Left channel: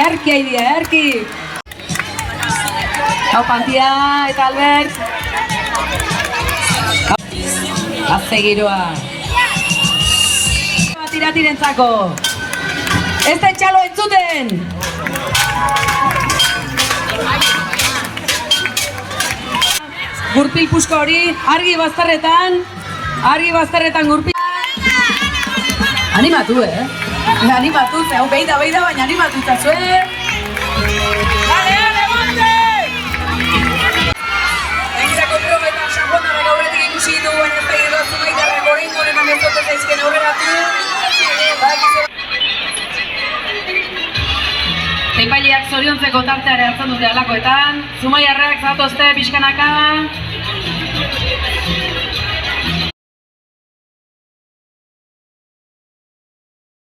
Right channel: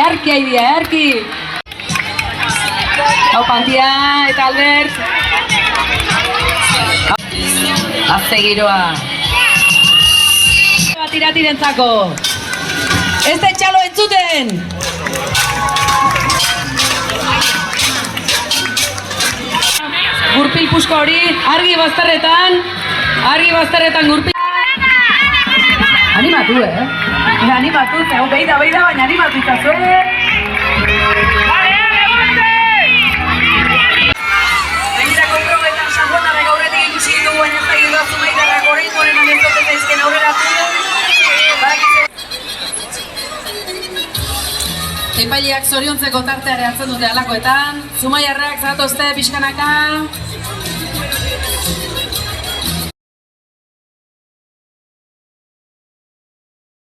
Erki haidia, erki! Hau Pantia eta Albert. Azte giroa. Tira-tirentzako. Ez da txalo entzuten! Gurpil pusko hori, argi bazterretan gurpil. Animatu, Animatu, hau behi da, baina animatu itazue. Bale, levante! Egitako probetan sangotarrak aurretik ikusi ditugu, baina ez da giroa zumaitarrak orain goren amertoten zaizken aurreratu. Epailiak zoriontzeko tarteare hartzen dute alakoetan. Zumaiarrak zatozte pixkanaka.